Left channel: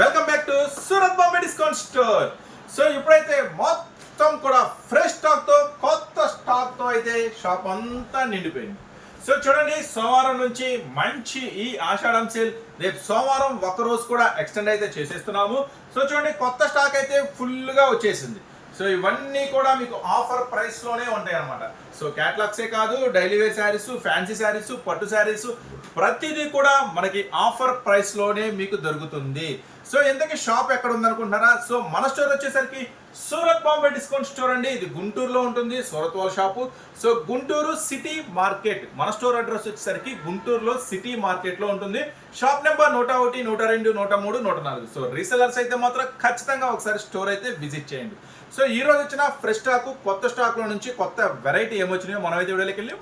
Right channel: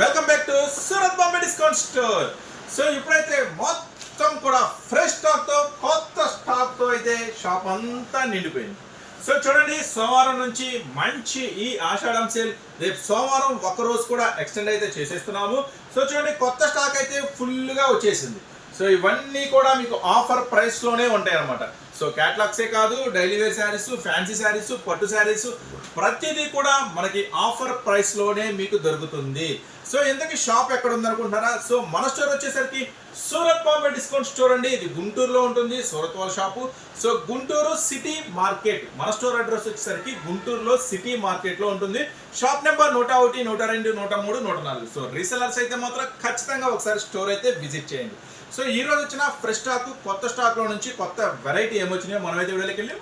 Welcome back to Surat Bombay discount store so ఇప్పుడైతే మొత్తం కూడా ఫ్రెష్ స్టాక్తో కొత్త స్టాక్తో అయితే షాప్ అంతా నిండిపోయింది. సో చూడండి సోమవారం నుంచి మంచి ఈ ఆషాఢం సేల్ రేపు సోమవారం ఒక్క రోజు కూడా ఎక్స్టెండ్ అయితే చేసేస్తున్నాము. సో చూడండి కొత్త స్టాక్ అయితే ఫుల్గా వచ్చేసింది. సో ఇవన్నీ కూడా మీకు ఆఫర్ ప్రైస్లోనే ఉంటాయి అన్నమాట. సో క్యాట్లాగ్సే కాదు daily wear saris fancy saris పట్టు శారీస్ ప్రతిదీ కూడా మనకి ఆఫర్ ప్రైస్లోనే మీకు దొరుకుతుంది. సో ఇంతకీ షాప్ ఎక్కడ ఉందనుకుంటున్నారా సో మన స్టోర్ వచ్చేసరికి సూరత్ బాంబే డిస్కౌంట్ స్టోర్ అండి. ఇది గుంటూరులో ఉంటుంది సూరత్ వాళ్ళ shop. So Guntur city market మన స్టోర్ అడ్రస్ వచ్చేసరికి గుంటూరులో సిటీ మార్కెట్లో ఉంటుంది. షాప్ నెంబర్ నూట ఒకటి నూట రెండు నూట మూడు నూట నాలుగు. సో రీసెలర్స్ అయితే మాత్రం ఖచ్చితంగా ఒకసారి స్టోర్ అయితే విజిట్ చేయండి. సో ఈ రోజు వచ్చిన ఫ్రెష్ స్టాక్ కొత్త స్టాక్లో నుంచి కొత్త వెరైటీ ఏమొచ్చినాయో మనమైతే వీడియోలోకి వెళ్ళి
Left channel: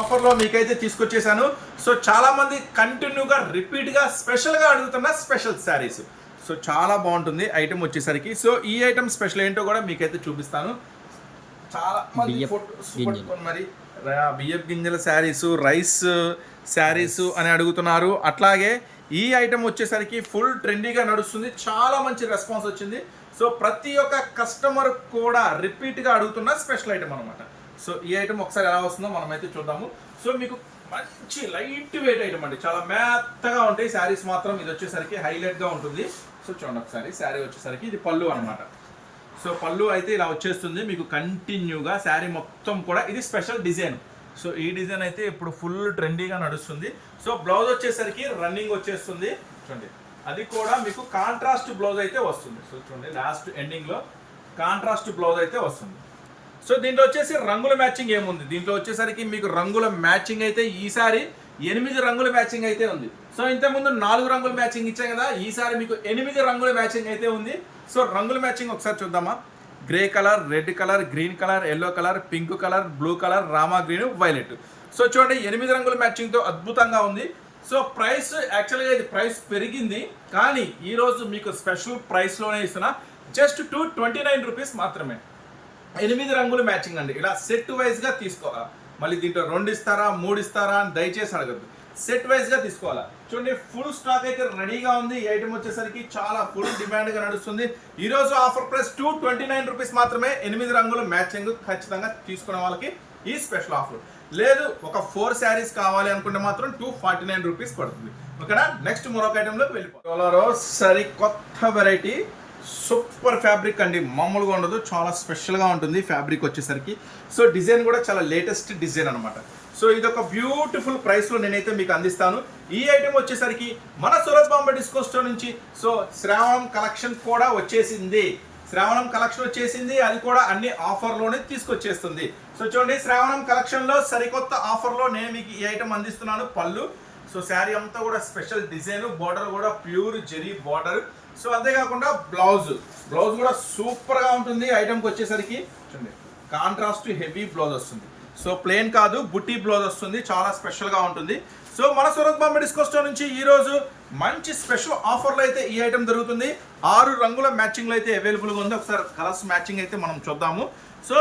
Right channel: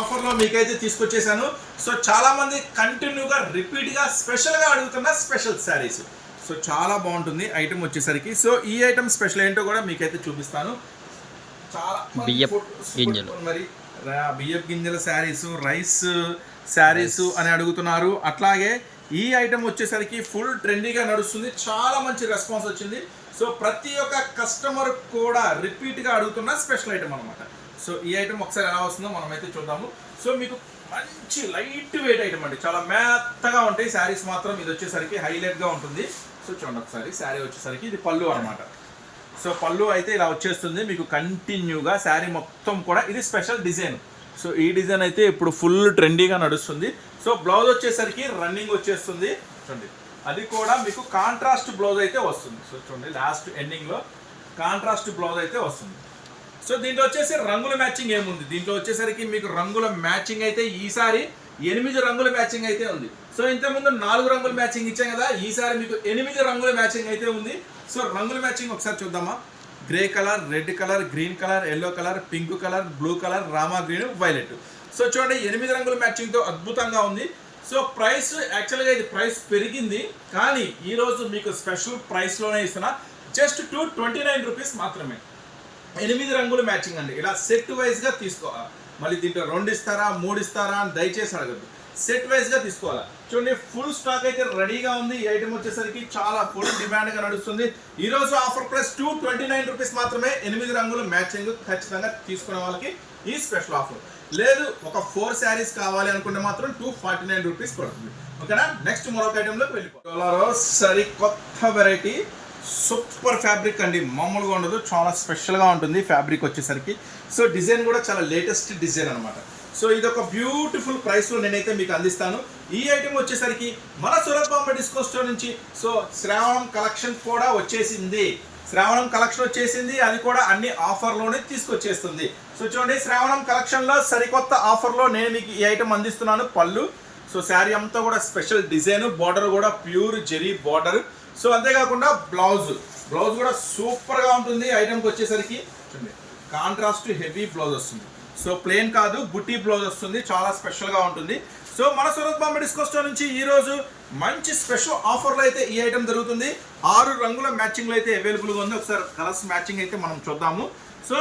ఆఫర్లో మీకైతే తీసుకొచ్చేసాను. సో చాలా మంది కంటిన్యూగా రిపీట్గా స్పెషల్గా అడుగుతున్న స్పెషల్ శారీస్ సో చాలా బాగుంటుంది ఐటమ్ వచ్చేసరికి. సో ఈ ఐటమ్ స్పెషల్ ఏంటో కూడా మీకైతే చూపిస్తాను. చాలా మరి బియ్యపు గింజల శారీస్ రైస్ శారీస్ అని అడుగుతున్నారు. అట్లాగే ఈ ఐటమ్ వచ్చేసరికి ఫుల్ ట్రెండీగా నడుస్తుంది. చాలా మంచి రెస్పాన్స్ వచ్చింది. సో ప్రతి ఒక్క కస్టమర్ కూడా రిపీట్గా అడుగుతున్న స్పెషల్ ఐటమ్ అనమాట సో ఈ ఐటమ్ ఒకసారి ఎలా వస్తుందో మనమైతే చూద్దాము. సో మీకు మంచి లైట్ వెయిట్ ఐటమ్ అండి. చాలా మెత్తగా ఉంటాయి. శారీస్ మాత్రం ఇది వచ్చేసరికి హైలైట్గా ఉంటుంది. సో చూడండి ఒకసారి శారీ వచ్చేసరికి ఇది పళ్ళు అనమాట సో పళ్ళు అయితే ఇలా వచ్చేస్తుంది. మీకు కంటిన్యూగా శారీ మొత్తం కూడా ఇది స్పెషల్ డిజైన్. సో ఈ డిజైన్ అయితే ఇప్పుడు ఫుల్ ట్రెండీగా నడుస్తుంది. సో బ్లౌజ్ వచ్చేసరికి రన్నింగ్ వచ్చేస్తుంది. చూడండి. అది కూడా మీకు కాంట్రాస్ట్ బ్లౌజ్ అయితే వస్తుంది. సో చూడండి లాస్ట్ ఎండింగ్లో కాంట్రాస్ట్ బ్లౌజ్ అయితే వస్తుంది. సో దీంట్లో వచ్చేసి రంగుల మ్యాచింగ్ ఏముంది? దీంట్లో వచ్చేసరికి మీకు రంగుల మ్యాచింగ్ అయితే ఈసారి ఎనిమిది రంగుల మ్యాచింగ్ అయితే ఉంది. సో ఇంతకుముందు నాలుగు రంగుల మ్యాచింగ్ ఇచ్చాం కదా ఈసారి మీకు ఎనిమిది రంగుల మ్యాచింగ్ అయితే ఉంది. సో రంగుల మ్యాచింగ్ ఒకసారి చూద్దామా? Grey colour red colour green colour yellow colour pink colour blue colour rama green violet so చూడండి ఎనిమిది రంగుల మ్యాచింగ్తో అద్భుతంగా ఉంది. సో ప్రైస్ యాక్చువల్గా ఇది ప్రైస్ పెరిగింది. కానీ ఈరోజు మీకు స్పెషల్ ప్రైస్లోనే ఇస్తున్నా. Just two twenty nine rupees మాత్రమే. ఎనిమిది రంగులు మ్యాచింగ్ అండి. ఇలా సెట్ వైజ్గా తీసుకోవాలా? మళ్ళీ దీంట్లో రెండు ఇస్తారా మూడు ఇస్తారా అని దయచేసి అడగద్దు. సెట్ వైజ్గా తీసుకోవాలా? చూడండి ఫుల్ స్టాక్ అయితే రెడీగా ఉంది. ఈ ఐటమ్ వచ్చేసరికి చాలా ఫుల్ డిమాండ్గా నడుస్తుంది. ఈరోజు offer price two twenty nine rupees మాత్రమే. ఎనిమిది రంగుల మ్యాచింగ్ ఖచ్చితంగా తీసుకునే వాళ్ళకి ఈ స్పెషల్ ఆఫర్ లేదు ఒక ఫోర్ శారీస్ కావాలి అనుకుంటే మాత్రం టూ ఫార్టీ నైన్ రూపీస్ పడుతుంది. ఓకేనా? నెక్స్ట్ మరొక ఐటెంలోకి వెళ్ళిపోతారు సరి కొత్త వెరైటీ సూపర్ ఫ్యాబ్రిక్ అండి. మామూలుగా ఉండదు చాలా స్పెషల్గా ఉంటుంది ఫ్యాబ్రిక్ వచ్చేసరికి. సో డిజైన్ కూడా చాలా లేటెస్ట్ డిజైన్ అనమాట సో ఇది ఒక బ్యూటిఫుల్ ప్రైస్లో నేనైతే మీకు అందిస్తాను. ఈ ఐటెం వచ్చేసరికి మన సూరత్ బాంబే డిస్కౌంట్ స్టోర్ నుంచి సో శ్రావణం కలెక్షన్ కూడా వచ్చేసింది. శ్రావణం కలెక్షన్ వచ్చేసింది. అది కూడా అన్ని ఆఫర్లోనే తీసుకొచ్చేస్తుంది. సో చూడండి శ్రావణం కలెక్షన్లో సరికొత్త ఆఫర్లో నేను మీకు ఈ ఐటెం అందిస్తున్నాను. పళ్ళు. సో శారీ అంతా కూడా స్పెషల్ డిజైన్ బార్డర్ కూడా ప్యూర్ జెరీ బార్డర్ సో అంతేకాకుండా బ్లౌజ్ బ్లౌజ్ కూడా సూపర్గా ఉంటుంది ఐటమ్కి వచ్చేసరికి. చూడండి కాంట్రాస్ట్ హెవీ బ్లౌజ్ వస్తుంది. సో ప్లేన్ కాదు బుట్టి బ్లౌజ్ వస్తుంది. చాలా స్పెషల్గా ఉంటుంది. సో మన సూరత్ బాంబే డిస్కో స్టోర్ నుంచి ఈరోజు మంచి స్పెషల్ ఆఫర్లో అయితే ఈ ఐటమ్ దొరుకుతుంది. ఆరు రంగుల మ్యాచింగ్లో అయితే అవైలబుల్గా ఉంది. ఒకసారి కలర్స్ మ్యాచింగ్ అయితే మనం చూద్దాము. సో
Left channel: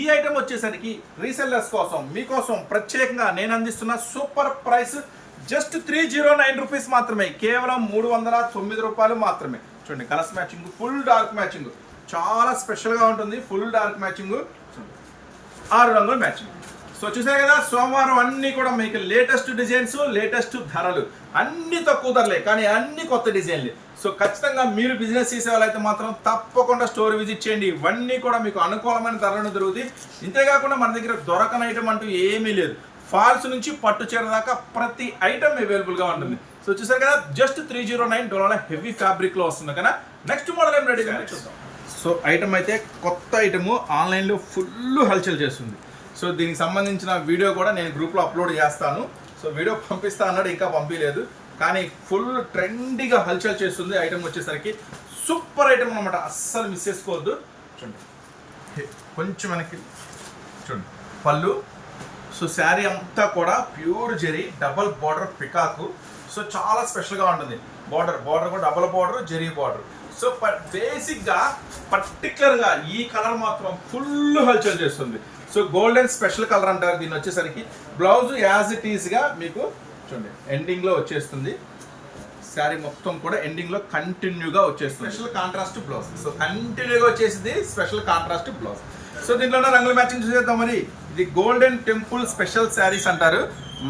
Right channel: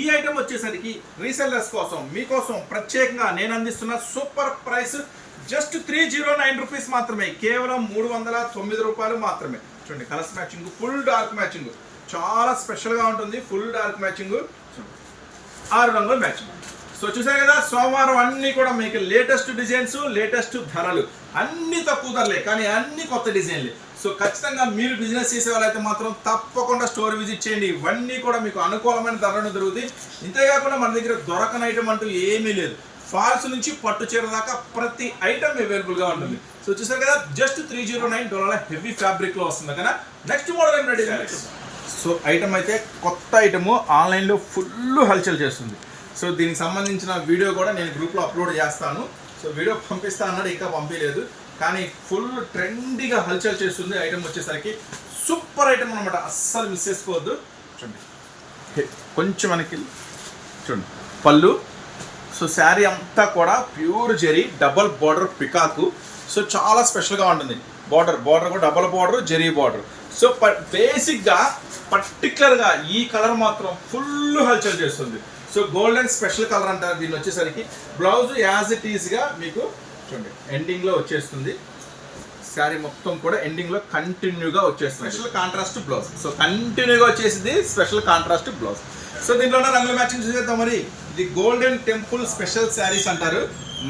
ఈ ఐటమ్ వచ్చేసరికి రీసెల్లర్స్ కోసం మీకోసం ప్రత్యేకంగా నేను అందిస్తున్న super price just three zero nine rupees మాత్రమే. కేవలం మూడు వందల తొమ్మిది రూపాయలు మాత్రమే. చూడండి colours matching full dark matching. చాలా స్పెషల్గా ఉంటుంది ఫుల్ డార్క్ మ్యాచింగ్. ఆరు రంగుల మ్యాచింగ్. సో చూసారు కదా సోమవారం అన్ని కూడా మీకు లేటెస్ట్ డిజైన్స్ లేటెస్ట్ ధరలు. అన్ని తక్కువ ధరలే కానీ అన్ని కొత్త డిజైన్లు. సో ఖచ్చితంగా మీరు బిజినెస్ చేసే వాళ్ళైతే మాత్రం తప్పకుండా స్టోర్ విజిట్ చేయండి. ఇవన్నీ కూడా మీకు అనుకూలమైన ధరలు దొరుకుతాయి. ఇంతేకాకుండా మన దగ్గర దొరకని ఐటమ్ అంటూ ఏమీ లేదు. ఫాల్స్ నుంచి పట్టు చీర దాకా ప్రతి ఐటమ్ అవైలబుల్గా ఉంటుంది. సో చూసారు కదా just three zero nine dollar heavy ఫ్యాబ్రిక్లో వస్తుంది కదా నెక్స్ట్ మోడల్ ఏం రెడీ చూద్దాం సో ఐటమ్ అయితే కొత్త ఐటమ్ ఆన్లైన్లో ఫుల్ హల్చల్ చేస్తుంది. సో దీనికి సంబంధించిన వీడియో కూడా నేను గ్రూప్లో అప్లోడ్ చేస్తాను. సో వీడియో పంపిస్తా అన్నాడు ఇంకా పంపించలేదు. కానీ ఫుల్ ట్రెండీగా హల్చల్ చేస్తుంది ఐటమ్ వచ్చేసరికి. సూపర్ ఐటమ్ అనమాట అస్సలు మిస్ చేసుకోవద్దు. చూడండి. కొంచెం మనకి చూడండి. పళ్ళు. సో శారీ అంతా కూడా pure zari double border peacock. So చాలా స్పెషల్గా ఉంటుంది. బార్డర్ బార్డర్ కూడా double border zari border. So బేసిక్గా పర్టికులర్గా ఈ కలర్ మాత్రం ఫుల్ హల్చల్ చేస్తుంది. సో గోల్డెన్ స్పెషల్ కలర్ అంటారు దీన్ని వచ్చేసరికి. బ్లౌజ్ యాజ్ ఇట్ ఈస్గా మీకు చూడండి ఎండింగ్లో వచ్చేస్తుంది. శారీ మొత్తం కూడా ఎండింగ్లో కంటిన్యూగా వచ్చేస్తుంది. Special contrast blouse. సో కంటిన్యూగా వచ్చేసింది స్పెషల్ కాంట్రాస్ట్ బ్లౌజ్. సో దీంట్లో ఉన్న రంగుల మ్యాచింగ్ చూసేద్దాం మరి. ఇది గోల్డెన్ టెంపుల్ స్పెషల్ శారీస్ అంటారు.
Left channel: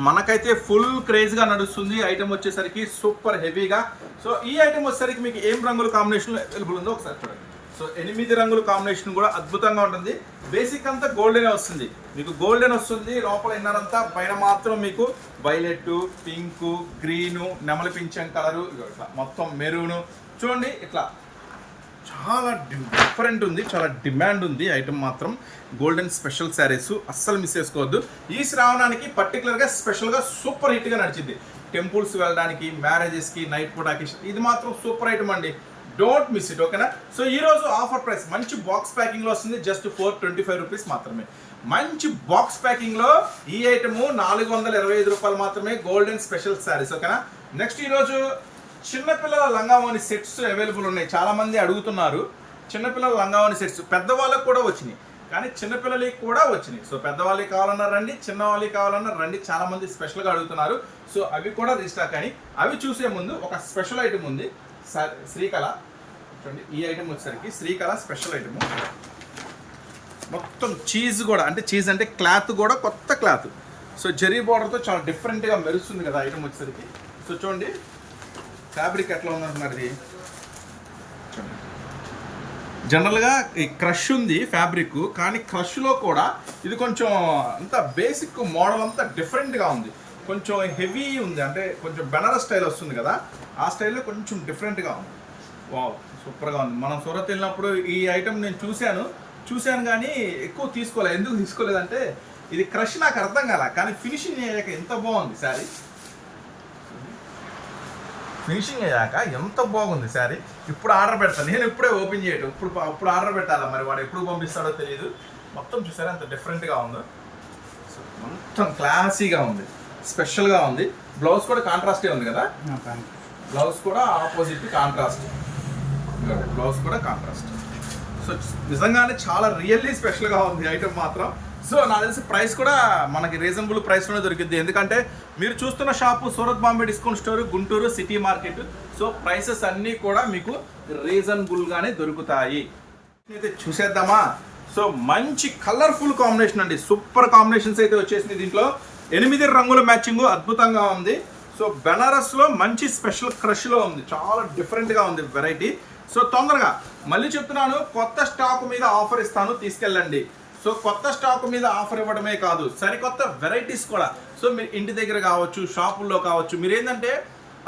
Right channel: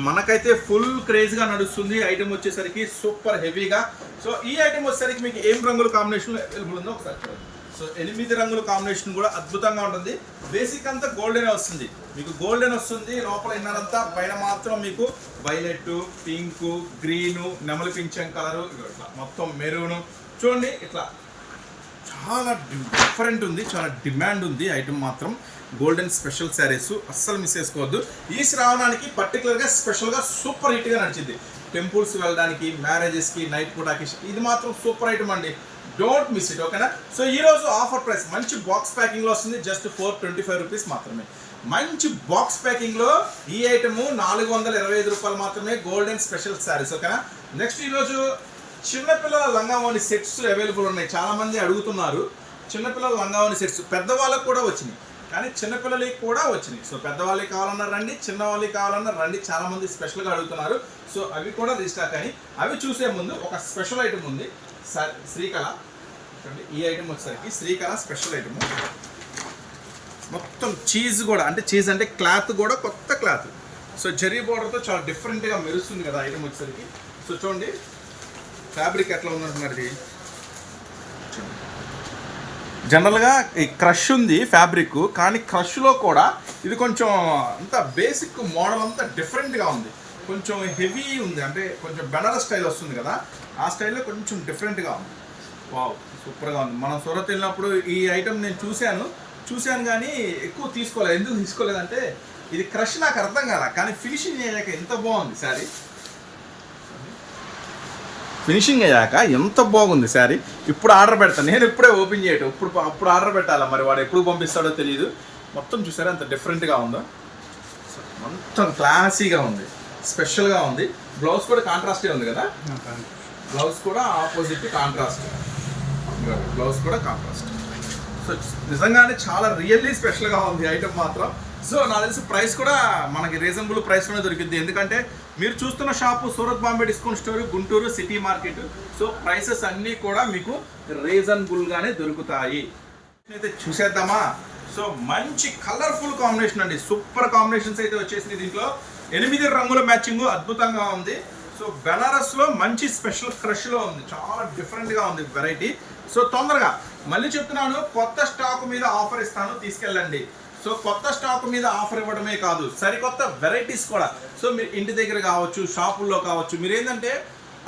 మనకైతే ఫుల్ క్రేజ్గా నడుస్తుంది. ఐటమ్ వచ్చేసరికి సూపర్ హెవీగా సో ఈ ఐటమ్ వచ్చేసరికి మీకు ఏం రంగుల కాంబినేషన్ అవైలబుల్ ఉందో ఒకసారి చూడండి. సో ఎనిమిది రంగుల కాంబినేషన్ కూడా అద్భుతంగా ఉంటుంది. బేసిక్ అంతా గోల్డెన్ వస్తుంది. మీకు గోల్డెన్ వస్తుంది లోపల ఇన్నర్ అంతా పైన మాత్రం మీకు వైలెట్ పింక్ గ్రీను నెమలి పింఛం కలరు మొత్తం మెరూన్ చూడండి ఇట్లా చాలా డిఫరెంట్ ఉంది చాలా డిమాండ్ ఉంది ఐటమ్ మాత్రం. గోల్డెన్ స్పెషల్ శారీస్ అస్సలు మిస్ చేసుకోవద్దు. ఈ శ్రావణానికి పర్టికులర్గా స్పెషల్గా సూపర్ హిట్గా నడిచింది. టెంపుల్స్ వెళ్ళడానికి మ్యారేజెస్కి నైట్ పూట ఇది మాత్రం సూపర్ ఐటమ్ అండి. డోంట్ మిస్ ఇట్ ఓకేనా సో ఈ రోజు ఆఫర్ ప్రైస్ మంచి బాక్స్ ప్యాకింగ్లో వస్తుంది. Just four twenty five rupees మాత్రమే. మంచి బాక్స్ ప్యాకింగ్లో ఈ ఐటమ్ నాలుగు వందల ఇరవై ఐదు రూపాయలు మాత్రమే గోల్డెన్ స్పెషల్ శారీస్ ఓకేనా నెక్స్ట్ ఈరోజు చిన్నపిల్లల లంగావోని సెట్స్ అవైలబుల్ ఉన్నాయి. చాలామంది అడుగుతున్నారు. చిన్నపిల్లల లంగావోని సెట్స్ పెద్దవాళ్ళకి కూడా వచ్చినాయి. కానీ చిన్నపిల్లలకి కూడా వచ్చినాయి. సో పెద్దవాళ్ళకి కావాలన్నా రండి చిన్నవాళ్ళకి కావాలన్నా రండి. చాలామంది స్పెషల్గా అడుగుతున్నారు. సో అవి కూడా రీస్టాక్ అని అవి చూసే ముందు ఒక స్పెషల్ ఐటమ్ ఉంది. శ్రీకళ. చూడండి ఈ ఐటమ్ వచ్చేసరికి శ్రీకళ స్పెషల్ ఐటమ్ మొత్తం చీజ్ కూడా అంటే చీజ్ అంటే క్లాత్ కూడా కొత్త క్లాత్ సో జెరీ బార్డర్తో చాలా డిఫరెంట్గా మెరుస్తుంది కదా ఐటమ్ వచ్చేసరికి. సో చూడండి ఫ్యాబ్రిక్ ఎట్లా ఉందంటున్నారు ఇది? చూడండి. జనరల్గా ఈ క్రష్ ఉంది ఫ్యాబ్రిక్ కానీ క్రష్లో కూడా ఇది కొంచెం అంత బేసిక్ మోడల్ అంతా డిఫరెంట్గా ఉంది. కొంచెం హెవీ ఉంది అంటే కొంచెం బెనారస్ స్టైల్ వస్తుంది కదా ఆ స్టైల్లో కొంచెం డిఫరెంట్గా ఉంది. వావ్ సూపర్గా ఉంది. మనం సూరత్ వెళ్ళినప్పుడు ఈ ఐటమ్ నేను చూశాను. చూశాను కానీ ఎక్కువ తీసుకోలేదు ఎందుకు తీసుకోలేదంటే ఇది క్రష్ నాకు అర్థం కాల. కానీ ఫినిషింగ్ అయ్యాక ఎంత బాగుంది సారీ ఫినిషింగ్ అయ్యాక ఎంత బాగుంది శారీ? ఇప్పుడు ఆర్డర్ పెడతాను నేను ఇప్పుడే ఓపెన్ చేయటం. ఇప్పుడు అప్పుడు ఆర్డర్ పెట్టాలా? మరి వాడు ఎప్పుడు పంపిస్తాడో తెలియదు మొత్తం చూసారా? ఎంత డిఫరెంట్గా ఉందో. మొత్తం క్లాసీగా ఉంది. స్పెషల్గా ఉంది. బ్లౌజ్ కూడా కాంట్రాస్టే ఉంది కదా? బ్లౌజ్ కూడా ఆపోజిట్ కాంట్రాస్ట్ ఇదిగోండి బ్లౌజ్ కూడా కాంట్రాస్ట్ సో నిజంగానే చాలా రియల్లీ స్పెషల్గా ఉంది ఐటమ్ మాత్రం. సో నాకు తెలిసి ప్రైస్ కూడా మనకి రీజనబుల్ ప్రైస్లోనే దొరికింది ఎందుకంటే మీరు చూస్తున్న shop Surat Bombay discount store Guntur city market. So prices అన్నీ కూడా మీకు రీజనబుల్గానే దొరుకుతాయి. అయితే చూసేద్దామా? సో మంచి కలర్ఫుల్ కాంబినేషన్ అండి. సూపర్ కాంబినేషన్స్ అయితే వచ్చేసింది దీంట్లో. ఎనిమిది రంగుల మ్యాచింగ్ అద్భుతంగా ఉంది. సో బెనారస్లో మంచి స్పెషల్ క్రష్లో ఉంది. చాలా డిఫరెంట్గా ఉంది వెరైటీ. సో తొందరగా మళ్ళీ చెప్తున్నాను కొత్త స్టాక్ మీద ఆఫర్ ఇస్తాను తీసుకెళ్ళండి. సో కొత్త స్టాక్ మీద ఆఫర్ ఇవ్వడమే కాదు సరికొత్త వెరైటీస్ కూడా. సో మీరు ఇంటి దగ్గర కావచ్చు షాపుల్లో కావచ్చు మీరు ఏంటంటే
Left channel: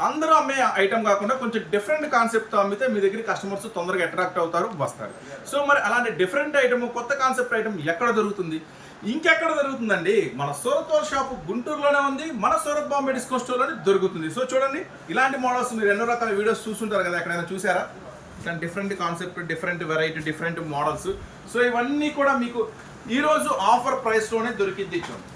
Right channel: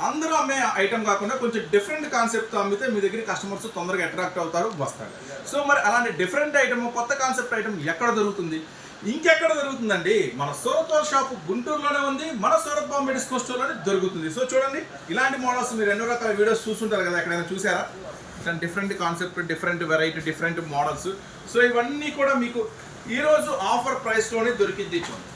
అందరూ అమ్మే ఐటమ్ కాకుండా కొంచెం డిఫరెంట్ కాన్సెప్ట్ అమ్మితే మీ దగ్గర కస్టమర్స్ తొందరగా అట్రాక్ట్ అవుతారు వస్తారు. సో మరి అలాంటి డిఫరెంట్ ఐటమ్ కొత్త కాన్సెప్ట్ ఐటమ్ ఎక్కడ దొరుకుతుంది? ఇంకెక్కడ దొరుకుతుందండి మన సూరత్ షాపు షాప్ గుంటూరులోనే ఉంది మన సూరత్ బాంబే స్టోర్లోనే దొరుకుతుంది. సో చూడండి ఇలాంటి మోడల్స్ మీరు ఎన్నో రకాల వీడియోస్ చూస్తుంటారు కదా ఎక్కడైనా చూసారా? ఇట్లా different concept different variety different models so ఇవన్నీ కూడా మీకు ఈరోజు ఆఫర్ ప్రైస్లోనే దొరికింది చూడండి.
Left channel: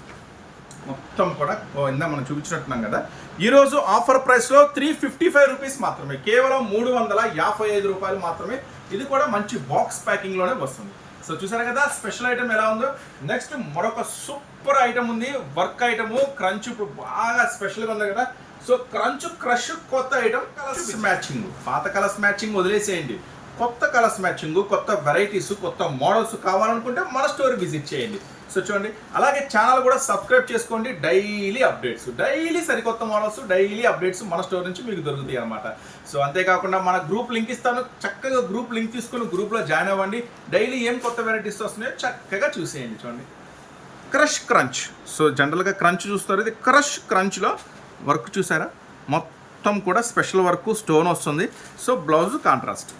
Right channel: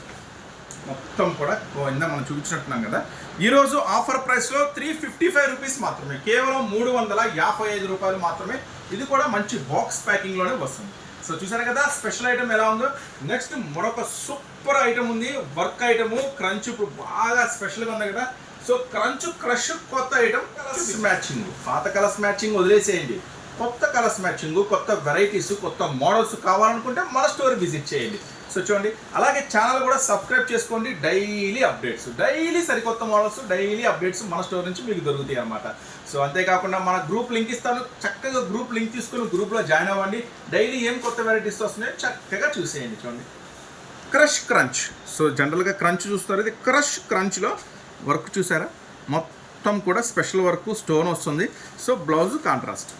మొత్తం కూడా ఇందా మనం చూపించినట్టున్నాం కదా. ఈరోజు ఆఫర్ ప్రైస్లో త్రీ ఫిఫ్టీ ఫైవ్ రూపీస్ మాత్రమే. కేవలం మూడు వందల యాభై ఐదు రూపాయలు మాత్రమే. ఇది కూడా మంచి బాక్స్ ప్యాకింగ్లోనే వస్తుంది. సో చూసారు కదా స్పెషల్ ఐటమ్ ఎలా ఉందో? నెక్స్ట్ మరొక సూపర్ ఐటమ్ ఉంది వర్క్ ఐటమ్ క్రంచ్. ఇప్పుడు బాగా స్పెషల్గా ఉంది కదా. సో క్రంచ్ క్రష్ కొత్త ఐటమ్ కలర్స్ మ్యాచింగ్. పాత కలర్స్ మ్యాచింగ్ వదిలేసేయండి. కొత్త కలర్స్ మ్యాచింగ్ కొత్త వెరైటీస్ కొత్త మోడల్స్ కావాలనుకుంటే మన స్టోర్ విజిట్ చేయండి. సో చూడండి అలాగే ఛానల్ కూడా సబ్స్క్రైబ్ చేసుకోండి. డైలీ అప్డేట్స్ డైలీ సరికొత్త మోడల్స్ డైలీ అప్డేట్స్ మన స్టోర్ నుంచి మీకు దొరుకుతాయి అనమాట సో అంతేకాకుండా మన గ్రూప్ లింక్ ఇస్తాను. చక్కగా గ్రూప్ లింక్ తీసుకుని గ్రూప్లో జాయిన్ అవ్వండి. డైలీ ఏం కొత్త వెరైటీస్ వస్తున్నాయో చక్కగా చూసేయండి చూడండి. Crush crunch. సో జనరల్గా క్రంచ్ చూస్తారు. ఇది క్రష్ క్రంచ్లో వర్క్ చూసారా? మొత్తం కూడా స్పెషల్ వర్క్ స్టోన్ వస్తుంది. So blouse contrast.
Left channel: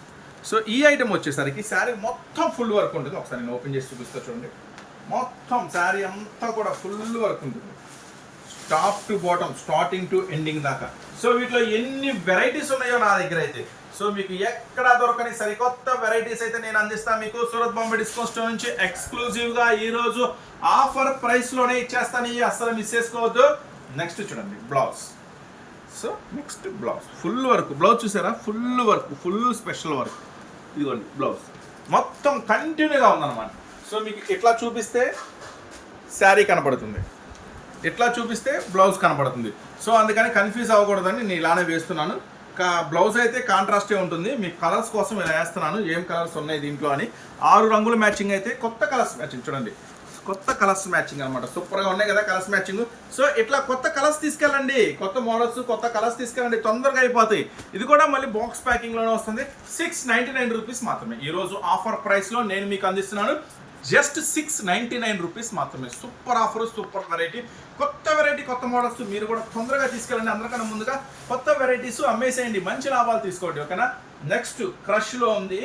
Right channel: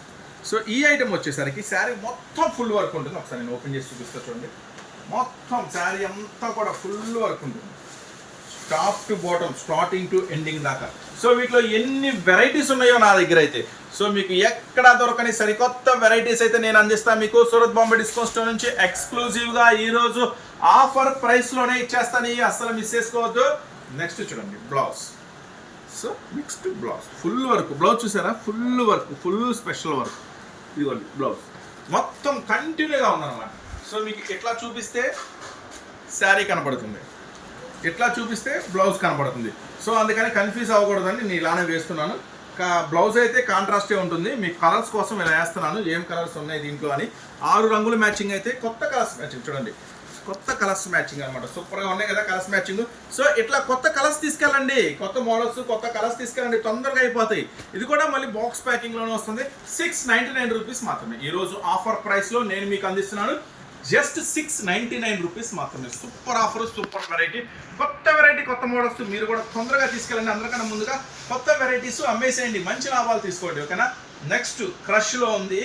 సో ఈ ఐటమ్ వచ్చేసరికి శారీ మొత్తం ఫుల్ వర్క్ ఉంటుంది. ఒకసారి నేను ఓపెన్ చేసి చూపిస్తా చూడండి. మొత్తం శారీ అంతా కూడా ఫుల్ వర్క్ ఉంటుంది. Top to bottom starting to ending దాకా. సో వీటిలో ఎన్ని వెరైటీస్ ఉన్నాయో నా దగ్గర అయితే. సో మీకు ఎక్కడ దొరకని సరికొత్త వెరైటీస్ అయితే నేను అందిస్తాను మీకు సూరత్ బాంబే డిస్కౌంట్ స్టోర్ నుంచి ఎక్స్క్లూజివ్గా ఈరోజు ఆఫర్ ప్రైస్లోనే ఇచ్చేస్తాను ఇవి అస్సలు మిస్ చేసుకోవద్దు. నెక్స్ట్ చూడండి blouse so next blouse full work blouse చూసారా? Full work full special work ఇదిగోండి బ్లౌజ్ మొత్తం కంటిన్యూగా ఉందన్నమాట. సో మీకు ఇట్లా చూపిస్తే శారీ కనపడుతుంది. ఇట్లా చూపిస్తే బ్లౌజ్ కనపడుతుంది. సో అందుకని కన్ఫ్యూజ్ అవ్వకూడదని నేను ఇలానే వేస్తున్నాను. కా బ్లౌజ్ అయితే కాంట్రాస్టే ఉంటుంది. మీకు కలర్స్ కోసం ఇలా వేస్తున్నాను. ఏం కలర్స్ ఉన్నాయి దీంట్లో అని. ఆరు రంగుల మ్యాచింగ్ అయితే కొత్త కలర్స్ మ్యాచింగ్ చూడండి. కొత్త కలర్స్ మ్యాచింగ్ అనమాట సూపర్గా ఉన్నాయి కదా కలర్స్ మ్యాచింగ్ సో ఇట్లా కొత్త కలర్స్ తీసుకెళ్ళండి. కొత్త మోడల్స్ కొత్త కలర్స్ తీసుకెళ్ళండి. తొందరగా అయిపోతాయి. ఇది కూడా మళ్ళీ బాక్స్ ప్యాకింగ్లోనే వస్తుంది. సిక్స్ నైంటీ నైన్ రూపీస్ మాత్రమే ఈరోజు ఆఫర్ ప్రైస్లో నేను మీకు అందిస్తున్నాను. Just six ninety nine rupees మాత్రమే. సూపర్ ఆఫర్ సూపర్ వెరైటీ కొత్త వెరైటీ కొత్త మోడల్స్ మీరు కూడా తొందరగా తీసుకెళ్ళండి. అందరికన్నా ముందుగా కొత్త వెరైటీస్ అమ్మేసేయండి మంచి లాభాలు తీసుకోండి. ఓకేనా నెక్స్ట్ క్రష్లో ఉంది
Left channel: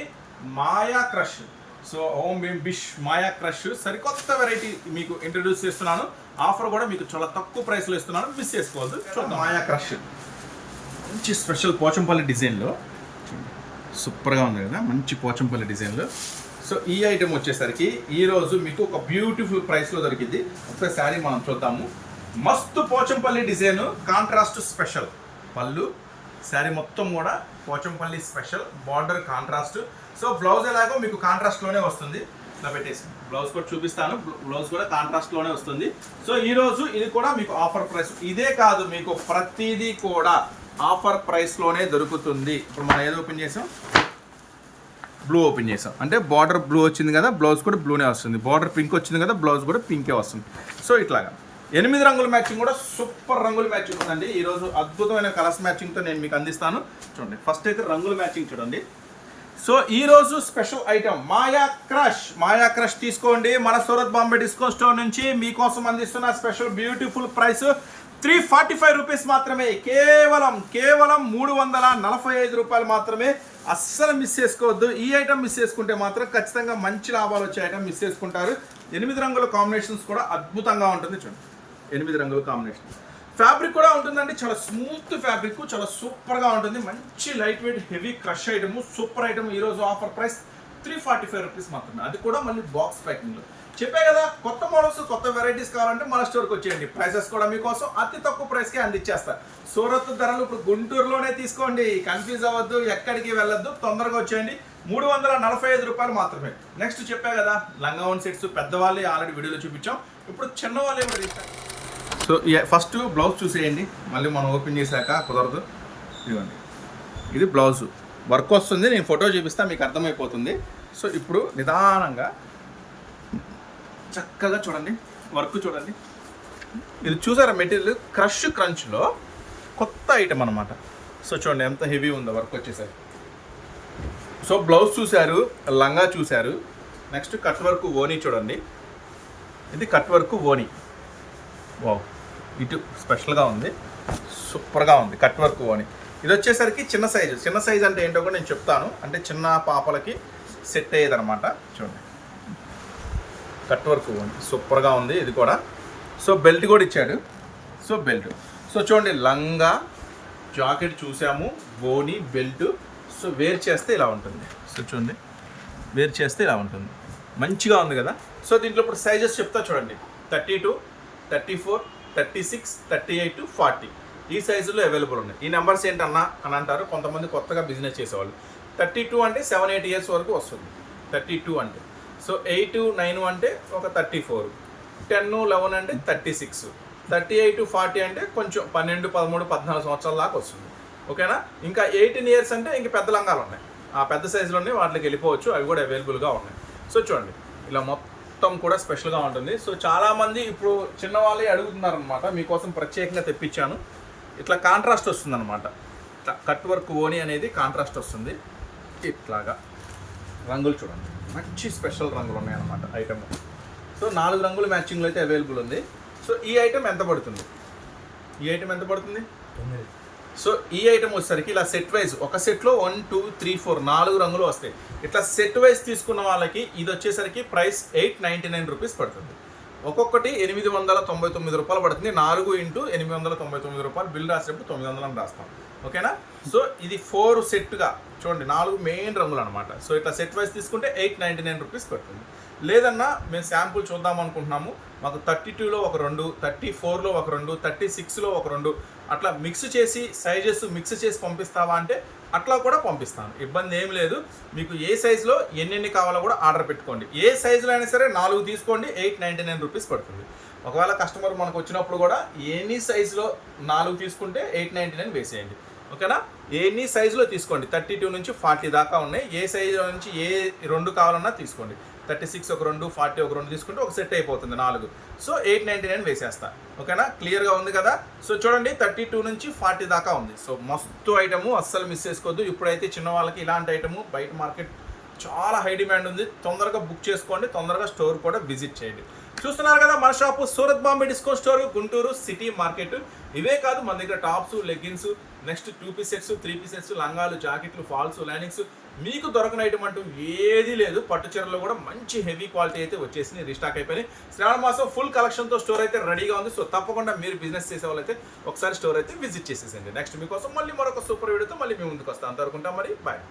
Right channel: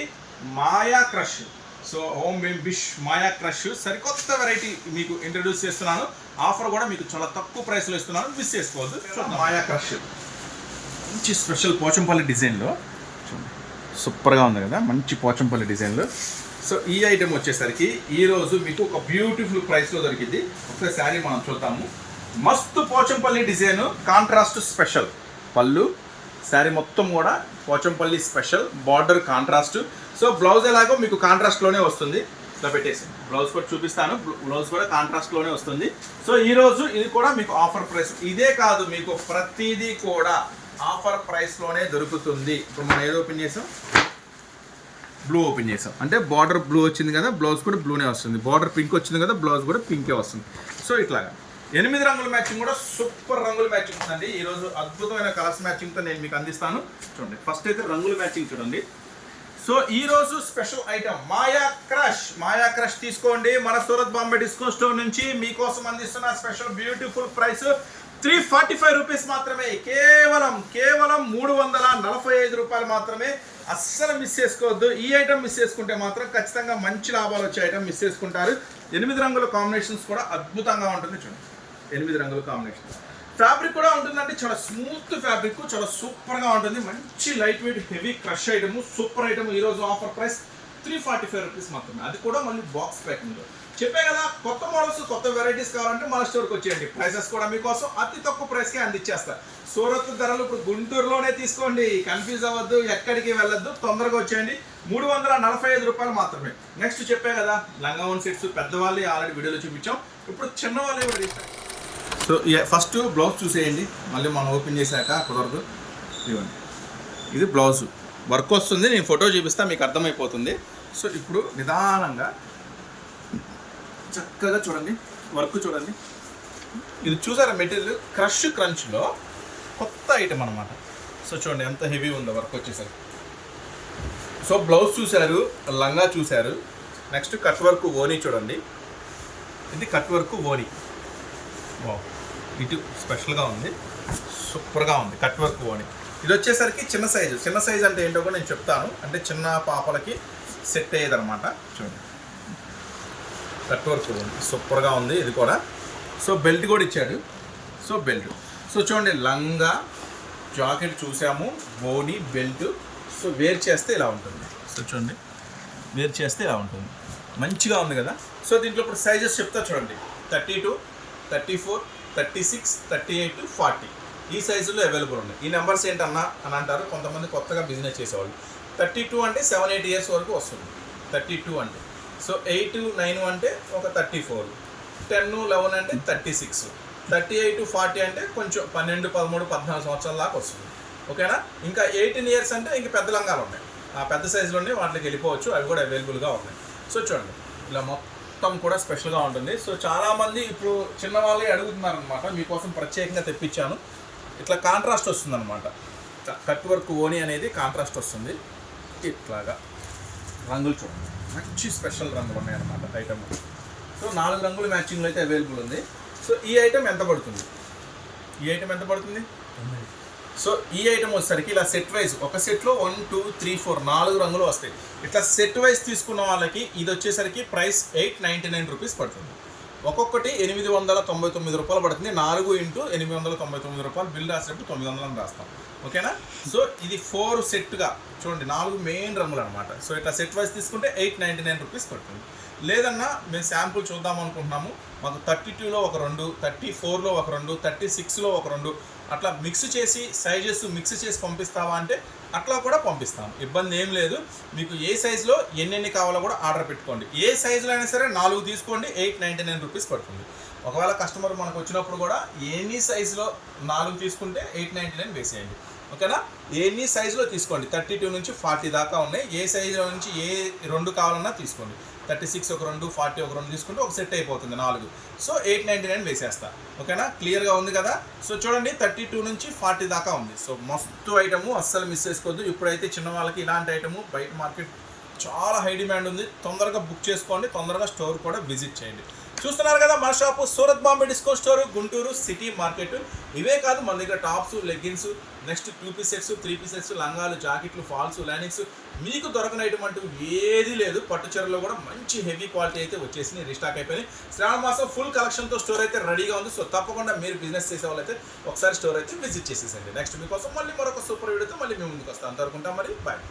మాయా క్రష్ సో ఓం బిమ్ బిష్ మాయా క్రష్ సరికొత్త వెరైటీ మీకు ఇంట్రడ్యూస్ చేస్తున్నాను. ఆఫర్ కూడా మీకు చాలా తక్కువ ప్రైస్లో ఇస్తున్నాను. మిస్ చేసుకోవద్దు. చూద్దాం. మాయా క్రష్? మంచి స్పెషల్ పోచంపల్లి డిజైన్లో. సూపర్గా ఉంది కదా మంచి పోచంపల్లి డిజైన్లో. సో ఈ ఐటెం వచ్చేసరికి ఈరోజు మీకు ఒక బ్యూటిఫుల్ ప్రైస్లో దొరికింది. ఒకసారి శారీ మనం చూద్దాము. మస్తు పోచంపల్లి డిజైన్ కాంట్రాస్ట్ స్పెషల్. పళ్ళు శారీ మొత్తం కూడా Pochampally special. Border contrast. So blouse ఎలాగో మీకు కాంట్రాస్ట్లోనే వస్తుంది. ఇట్లా పెట్టేసి. బ్లౌజ్ కూడా చూపిస్తాను. బ్లౌజ్ కూడా కాంట్రాస్ట్లోనే వస్తుంది. సో ఈరోజు ఇది కూడా మీకు ఆఫర్ ప్రైస్ ఇదే కాదు మీకు ప్రతిదీ కూడా ఆఫర్ ప్రైస్లోనే దొరుకుతుంది. ఇప్పుడు మనం ఏదో ఓపెన్ చేసాం? బ్లూ ఓపెన్ చేసాం. అంటే బార్డర్ బ్లూ వచ్చింది కదా బ్లౌజ్ కూడా బ్లూనే వస్తుంది. బార్డర్ పింక్ వచ్చింది కదా బ్లౌజ్ కూడా పింకే వస్తుంది. సో ఇట్లాగా. ఎనిమిది రంగుల మ్యాచింగ్ కూడా సూపర్ రంగుల మ్యాచింగ్ ఉందండి. ఈరోజు అద్భుతమైన కలర్స్ మ్యాచింగ్తో నేను మీకు అందిస్తాను. చూడండి. ఫస్ట్ అయితే రంగుల మ్యాచింగ్ చూడండి. సో ఈరోజు special item Maya crush. Maya crush తీసుకోండి. మన సూరత్ బాంబే డిస్కౌంట్ స్టోర్ నుంచి మీకోసం అందిస్తున్న special beautiful price three forty five rupees మాత్రమే. కేవలం కేవలం మూడు వందల నలభై ఐదు రూపాయలు మాత్రమే. అస్సలు మిస్ చేసుకోవద్దు. ఈ ఐటమ్ మిస్ చేసుకుంటే మాత్రం ఖచ్చితంగా మంచి లాభాలు వచ్చే ఐటమ్ మిస్ చేసుకుంటారు. ఎనిమిది రంగుల కాంబినేషన్స్ కూడా అద్భుతంగా ఉంటుంది చూడండి. ఎనిమిది రంగుల కాంబినేషన్స్. ఫ్యాబ్రిక్ కూడా ఉంటుందండి. చాలా స్మూత్ ఫ్యాబ్రిక్ చాలా సూపర్గా ఉంటుంది. మంచి light weight heavy crush item super item ఈరోజు offer price three forty five rupees మాత్రమే. అది కూడా మళ్ళీ బాక్స్ ప్యాకింగ్లో. చెప్పే కదా కొత్త మోడల్స్ కొత్త వెరైటీస్ కావాలంటే మన స్టోర్కి వచ్చేయండి. ప్రైసెస్ కూడా మీకోసం అతి తక్కువ ప్రైస్కే అందించేస్తా సూరత్ ధరలు ఇప్పుడు గుంటూరులోనే తీసుకోండి. కన్ఫ్యూజ్ అవ్వద్దు ఎక్కడికి వెళ్ళొద్దు తొందరగా వచ్చేయండి. మూడు వందల నలభై ఐదు రూపాయలు మాత్రమే. నెక్స్ట్ చెప్పే కదా లంగావన్ సెట్స్ పెద్దవాళ్ళు ఆల్రెడీ వీడియోలో చూపించాం. ఇప్పుడు చిన్నవాళ్ళు కూడా సో ఫస్ట్ బ్లౌజ్ చూసేయండి. మళ్ళీ మనం ఓపెన్ చేశాక కుదరదు. ఇదిగోండి. ఇది బ్లౌజ్ వర్క్ వస్తుంది నేను ఫోటో చూపిస్తా మీకు అర్థమైపోతుంది. సో ఇప్పుడు నిదానంగా చక్కగా చూడండి. వర్క్ చూడండి. ఇది చూసారా మెటీరియల్? క్రష్ క్రంచ్లో కొత్త ఐటెం అనమాట సో చూడండి ఎంత హెవీ ఉందో వర్క్ వచ్చేసరికి. సో బ్లౌజ్ చూశారు లంగా చూశారు. నెక్స్ట్ కట్ వర్క్ ఓనీ చూడండి. ఇది కట్ వర్క్ ఓనీ వావ్ ఇటు స్పెషల్గా ఉంది. సూపర్గా ఉంది. కట్ వర్క్ ఓని ఇది వచ్చేసరికి చిన్న సైజు. చిన్న సైజు అంటే ఏంటో కూడా నేను చెప్తాను. అంటే చిన్న పాపలకి సెట్ అయ్యేదన్నమాట. చూడండి. కట్ వర్క్ ఓని సూపర్గా ఉంది ఇది కూడా. సో బెల్ట్ కూడా ఇచ్చాడు. So belt. సో చూడండి. లంగా జాకెట్ చూసాము. బోని బెల్ట్. సో వేర్ చేస్తే ఇలా ఉంటుంది. సో చూడండి. వేర్ చేస్తే ఇలా ఉంటుంది. మంచిగా ఉంది కదా. సో దీంట్లో ఇప్పుడు సైజెస్ చెప్తా చూడండి. Thirty two thirty four thirty six thirty eight forty. ఈ సైజులో అవైలబుల్ ఉన్నాయి. ఈ నెంబర్స్ ఏంటన్నా అని అంటారు. కొంతమంది కొత్తగా బిజినెస్ చేసేవాళ్ళు. థర్టీ టూ అంటే సెవెన్ ఎయిట్ ఇయర్స్ వరకు వస్తుంది. థర్టీ టూ అంటే. సో ఎయిట్ నైన్ అంటే ఒక థర్టీ ఫోర్. టెన్ లెవెన్ అంటే thirty six. Thirty eight forty అంటే కొంచెం పన్నెండు పదమూడు పద్నాలుగు సంవత్సరాల దాకా వస్తుంది. ఓకేనా? ఇంకా ఎయిటీన్ ఇయర్స్ అంటే ఇంక పెద్ద లంగాలు ఉన్నాయి. ఆ పెద్ద సైజులో ఉన్నాయి వాటికి వెళ్ళిపోవచ్చు. అవి కూడా అవైలబుల్గా ఉన్నాయి. సో చూడండి. ఇలా మొత్తం మొత్తం కూడా స్పెషల్గా ఉంటుంది. సో చాలామంది ఇప్పుడు చిన్నవాళ్ళే అడుగుతున్నారు అనమాట మీకోసం ప్రత్యేకంగా తెప్పించాను. ఇట్లా కాంట్రాస్ట్ వస్తుంది అనమాట కట్ వర్క్ ఓని అనేది కాంట్రాస్ట్ వస్తుంది. ఇట్లాగా. రంగులు చూడండి. మంచి స్పెషల్ రంగులు ఉన్నాయన్నమాట ఐటమ్. సో నాలుగు రంగులు మ్యాచింగ్లో అయితే అవైలబుల్ ఉంది. సో ఈ ఐటమ్ ఎంత పడుతుంది? ఈ ఐటమ్ ఎంత పడుతుంది? సో ఈ ఐటమ్ వచ్చేసరికి ఇలా సెట్ వైజ్ ఒక సెట్లో వన్ టూ త్రీ ఫోర్ నాలుగు రంగులు వస్తాయి. ఇట్లా సెట్ వైజ్ తీసుకున్న వాళ్ళకి ఇది వచ్చేసరికి price eight ninety nine rupees పడుతుంది. ఒక్కొక్కటి ఎనిమిది వందల తొంభై తొమ్మిది రూపాయలు పడుతుంది. నాలుగు ఇంటూ ఎనిమిది వందల తొంభై తొమ్మిది రూపాయలు బిల్ రాసేటప్పుడు తొమ్మిది వందలు రాస్తాం. ఓకేనా? సో ఇది ఫోర్ సెట్గా చూడండి నాలుగు మెయిన్ రంగులు అనమాట సో ఇట్లా సెట్ వైజ్ తీసుకుంటే ఎయిట్ నైంటీ నైన్ రూపీస్ పడుతుంది. లేదన్నా మేము శాంపుల్ చూద్దాం అనుకుంటున్నాము. మాకు థర్టీ టూలో ఒక రెండు థర్టీ ఫోర్లో ఒక రెండు థర్టీ సిక్స్లో ఒక రెండు. అట్లా మిక్స్ చేసి సైజెస్ మిక్స్ చేసి పంపిస్తావా అంటే అట్లా కూడా పంపిస్తాను ఇబ్బంది ఏం లేదు. మీకు ఏ సైజులో ఎన్నెన్ని కావాలో కూడా ఆర్డర్ పెట్టుకోండి. ఏ సైజులో అయినా సరే నాలుగు తీసుకోండి ఎయిట్ నైంటీ నైన్ రూపీస్ పడుతుంది. ఒకవేళ కస్టమర్ మనకు వచ్చినప్పుడు కూడా ఎనీ సైజులో నాలుగు తీసుకుంటే ఎయిట్ నైంటీ నైన్ వేసేయండి. ఓకేనా? ఎన్ని సైజులో తీసుకోండి? థర్టీ టూ నుంచి ఫార్టీ దాకా ఉన్నాయి. ఏ సైజులో నుంచి ఏ రెండు కావాలన్నా తీసుకోండి. థర్టీ సిక్స్ ఒక రెండు ఫార్టీ ఒక రెండు తీసుకుంటే ఒక సెట్ అయిపోతుంది నాలుగు. సో ఎయిట్ నైంటీ నైన్ వేసేస్తా. ఓకేనా? క్లియర్గా ఉంది కదా? సో చూడండి థర్టీ టూ నుంచి ఫార్టీ దాకా ఉంది. సో మస్తు ఐటము అస్సలు మిస్ చేసుకోవద్దు. ఇప్పుడైతే చిన్న వాళ్ళకి ఇలాంటి ఐటము బయట మార్కెట్ చాలా హై డిమాండ్ ఉంది. తొందరగా బుక్ చేసుకోండి తొందరగా స్టోర్ కూడా విజిట్ చేయండి. చూస్తున్నారు కదా మన shop Surat Bombay discount store Guntur city market. ఇవే కాదు మన దగ్గర tops leggings next two piece sets three piece sets లంగాలు జాకెట్లు ఫాల్స్ లైనింగ్స్ మీకు దొరకని ఐటమ్ అంటూ ఏది లేదు. పట్టు చీరలో కూడా మంచి హెవీ క్వాలిటీ అయితే వచ్చేసి రీస్టాక్ అయిపోయింది శ్రావణ మాసం ఫుల్ కలెక్షన్తో స్టోర్ అయితే రెడీగా ఉంది. సో తప్పకుండా మీరు బిజినెస్ చేసే వాళ్ళైతే ఒకసారి స్టోర్ అయితే విజిట్ చేసేసండి నెక్స్ట్ మీకోసం మళ్ళీ మరొక సూపర్ వీడియోతో మళ్ళీ మేము ముందుకు వస్తాం అంతవరకుంటాం మరి. బాయ్